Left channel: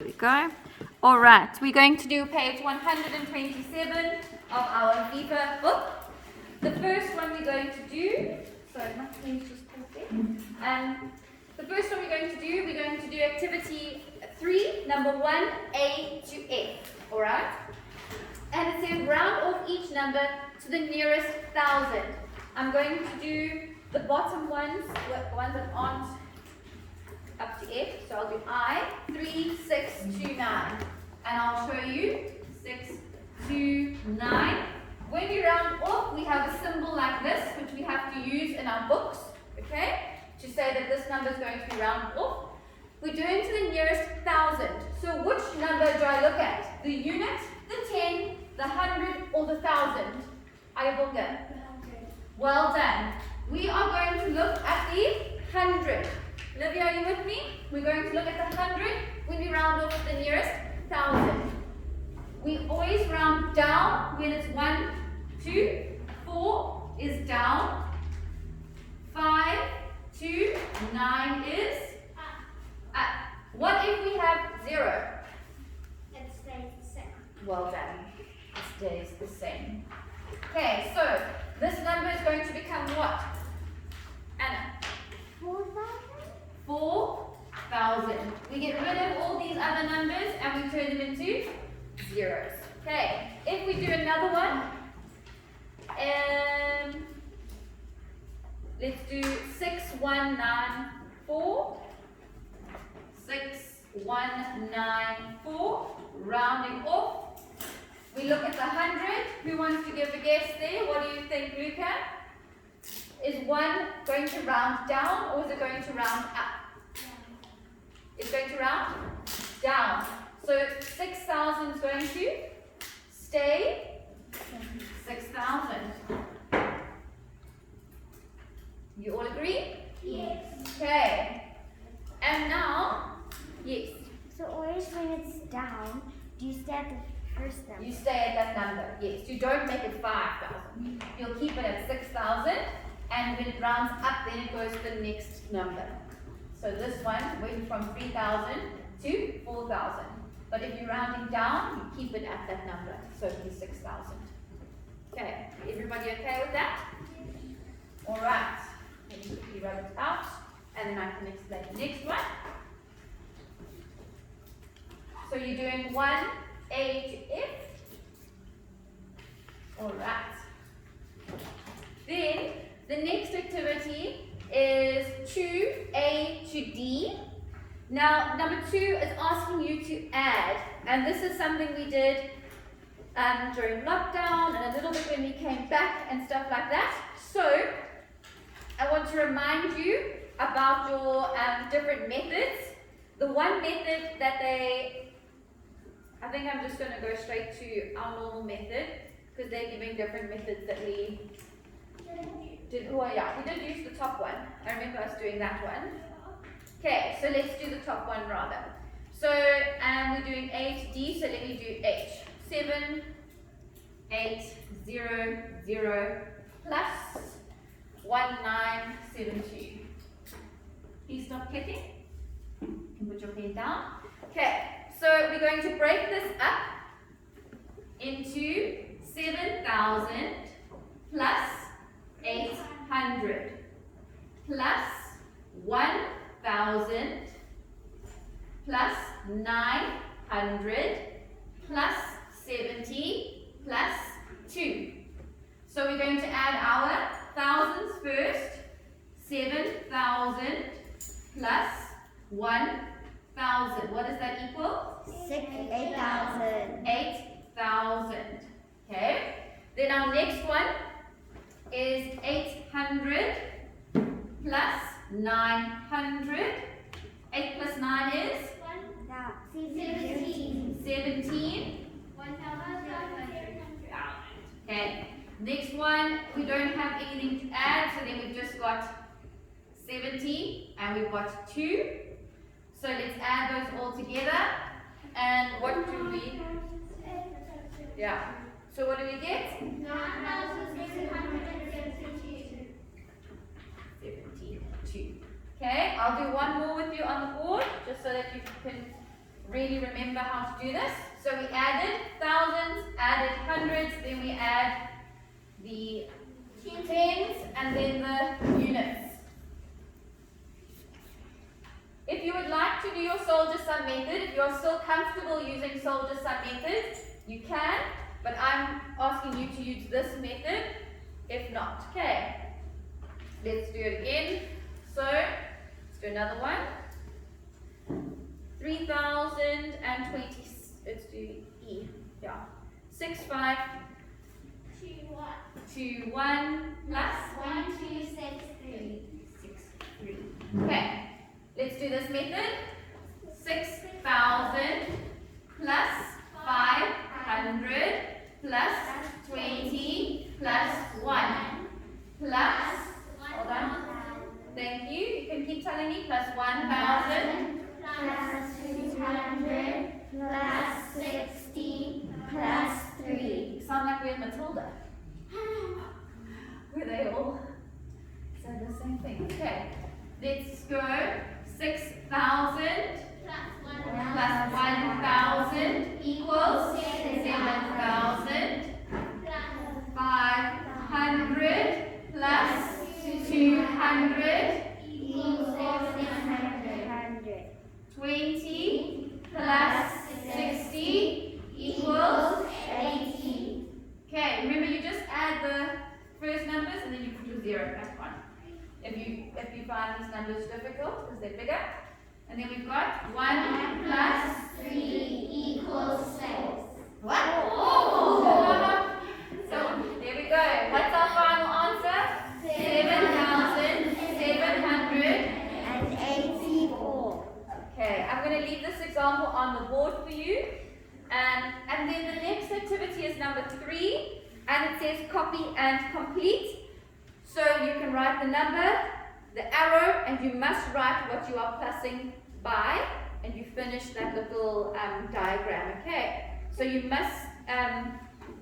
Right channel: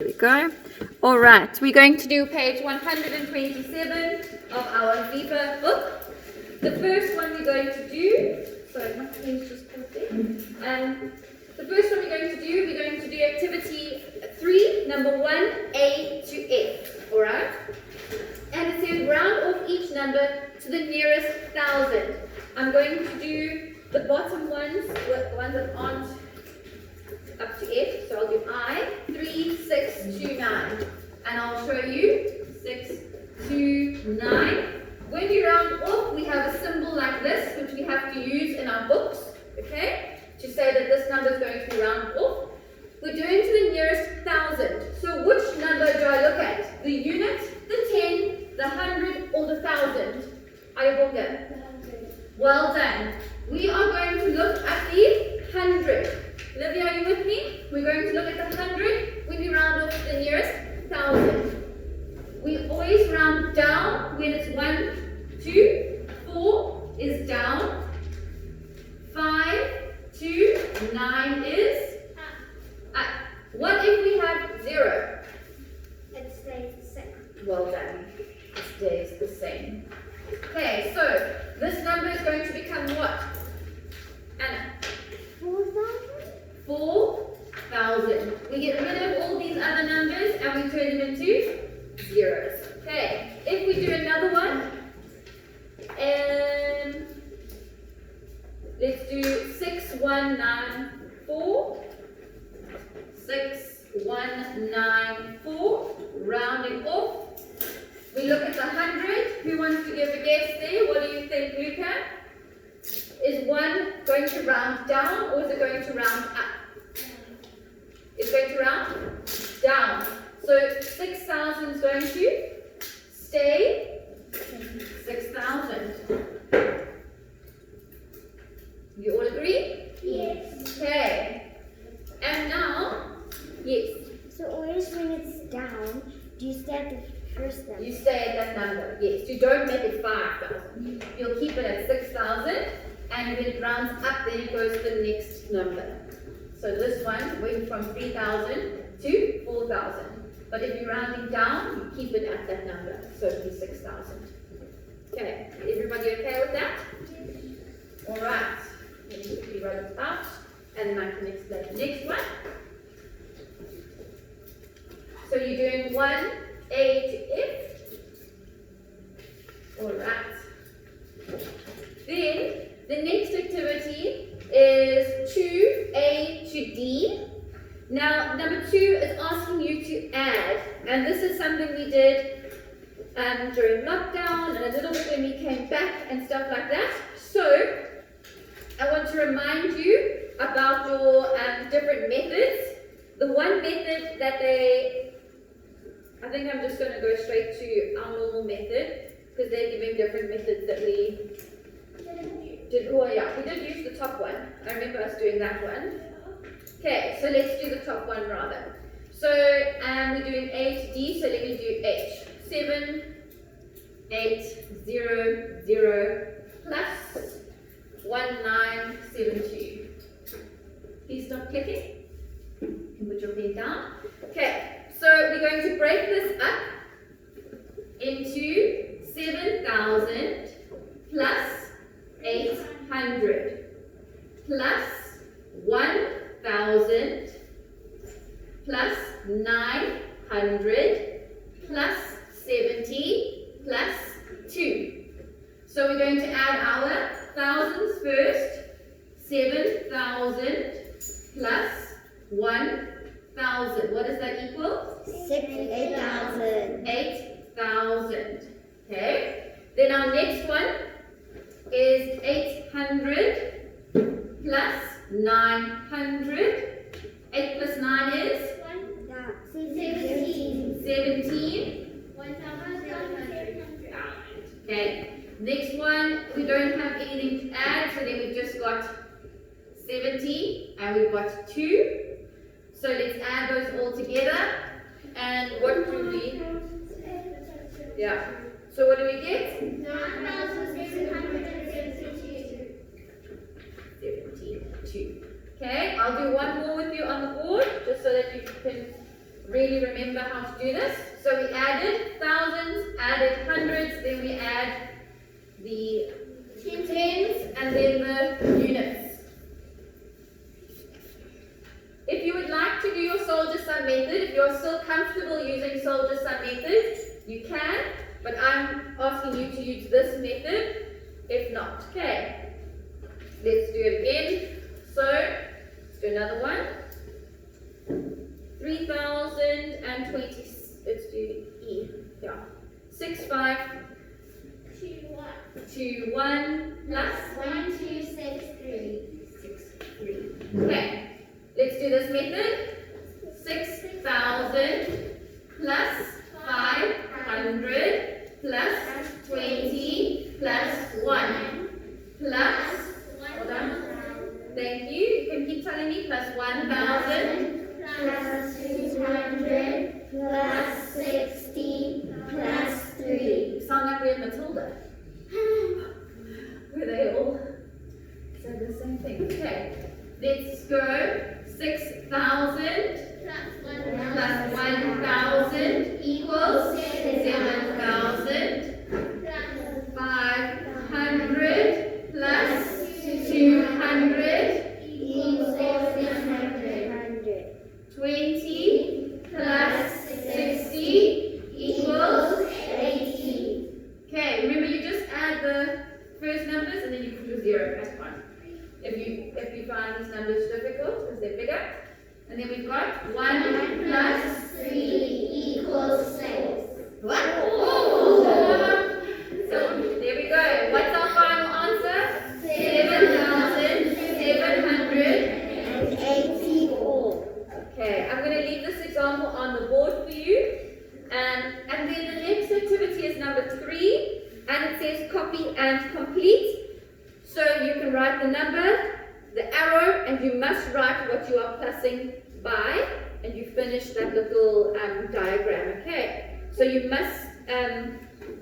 There we go. All right, we're going to do page 127 of our Viva book. The first one we're going to do, sorry, my pen's just clicking. The first one we're going to do activity 3, number 1, A to F. All right? And it says round off each number to the nearest thousand. I'm going to do the bottom ones, the ones that aren't up to F. So I'll do I, 3, 6, 2, 9. And I'll show you 6, 2, 9. When we round off, we have a symbol like this, which we have to use in our books, okay, to say that this number is going to be rounded off. We're doing to the nearest thousand. So which number do I look at? The unit, the 10, the 100, or the 1,000? Ayabonga. Well done. We are going to look at the 100. Livia, are you with me? We're going to look at the 100 when we round off to the nearest 1,000. We always round down when it's 1, 2, 4 is down, 5, 2, 9 is up. What if we have 0? It stays the same. Well done. It stays the same. Okay, so this number is going to become what? Anna? 4,000. We get rid of all these other numbers and we turn them into zeros. Okay, if we do another one, and let's do 6194. 6194. Rounding off. We look at the 100. Who wants to give a guess there? What do you think, Luca? Is 1 going to round down or is it going to round up? It's going to round down. So 6,000 is going to stay 6,000. You all agree? Yes. Okay. And now, yes. So always when it's down, do you stay at the first number? You stay at that number. Yes. You don't make it 5,000. You'll keep it at 6,000. And when it rounds up, then it goes to the next number. So this one went from 3,000 to 4,000. But if you're rounding down, you keep it at that number. So it'll be 6,000. Okay, everybody okay with that? All right. Let me quickly write it out, and then I can explain the next one. So you're doing 1, A to F. All right. Then the next activity is 2A to D. Now, number 2 is asking you to add, and this is something we did during lockdown and a little bit when we came back and stuff like that. So, I want to remind you about your different methods. The one method that I think I'm just going to go straight to our normal method because they're giving different methods that we did. Oh yeah, we did use the top one. I remember us doing that one. Okay, so let's do the top one rather. So we're doing A to D, so let me do H. 7, 8, 0, 0, plus 1, 9, 7, 2. Please stop clicking. You can put your pen down. Okay, so we're going to break this up into 7,000 plus 800 plus 1,000 plus 900 plus 70 plus 2. So we're going to add our thousands first. 7,000 plus 1,000. What does that equal? 8,000. 8,000. Okay. Then our next one is 800 plus 900. 8 plus 9 is? 17. 17. 1,700. Okay. Next one, we don't have anything to add, so then we've just got 70 and we've got 2. So let's add those all together. And what do we? Yeah. So what do we get? 9,672. 72. Okay, I'll do one more with you on the board, just so that you can really remember how to do this. So we added thousands, added hundreds, then we add the tens, and then the units. If you would like to do your soldier sum method, if you are still comfortable using soldier sum method, you can, but I'm asking you to use this method if not. Okay, let's do it again. So, let's do another one. 3020, let's do E, yeah. 6521 plus 1263. 63. Okay, let's do this method. 6,000 plus 500 plus 20 plus 1 plus, hold on, thank you, you can keep telling me, plus 1,000 plus 200 plus 60 plus 3. You sound like we're Matilda. Were they all said the same thing? Okay, let's go. 6,000 plus 1,000 equals 7,000. 500 plus 200 Equals 700. 20 plus 60 equals 80. Okay, remember you just add the first numbers and then you put your 0 back on. If you find these numbers difficult because they're bigger. And then we've got 1 plus 3 equals 6. what? So there we go. What's our final answer? 7,784. Okay, I'm going to leave this example on the board for you. And then the next activity is number 3, and it says copy and complete. So you can write the number, the arrow, and you must write what you are plussing by, and you finish that little diagram, okay? So you must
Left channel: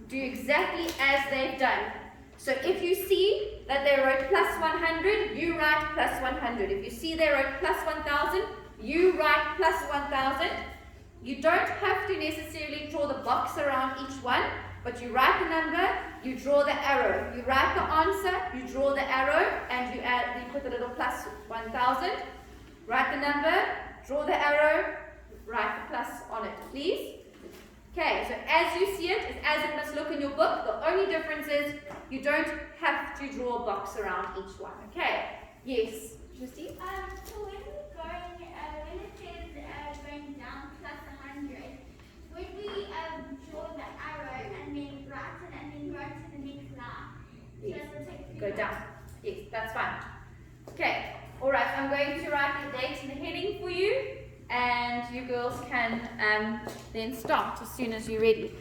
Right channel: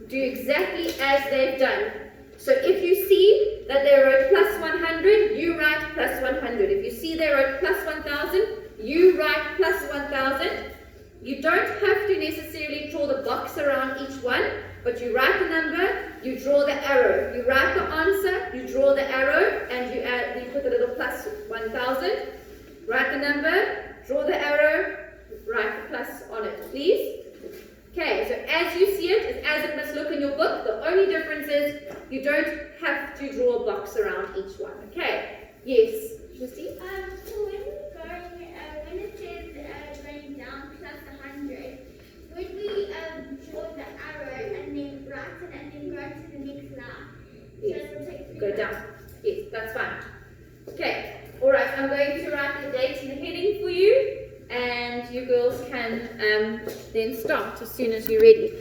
do exactly as they've done. So if you see that they wrote plus 100, you write plus 100. If you see they wrote plus 1,000, you write plus 1,000. You don't have to necessarily draw the box around each one, but you write the number, you draw the arrow. You write the answer, you draw the arrow, and you put a little plus 1,000. Write the number, draw the arrow, write the plus on it, please. Okay, so as you see it, it's as it must look in your book. The only difference is you don't have to draw a box around each one. Okay, yes, Christy? So when it says going down plus 100, would we draw the arrow and then write it and then go to the next line? Yes, go down. Yes, that's fine. Okay, alright, I'm going to write the date and the heading for you, and you girls can then start as soon as you're ready.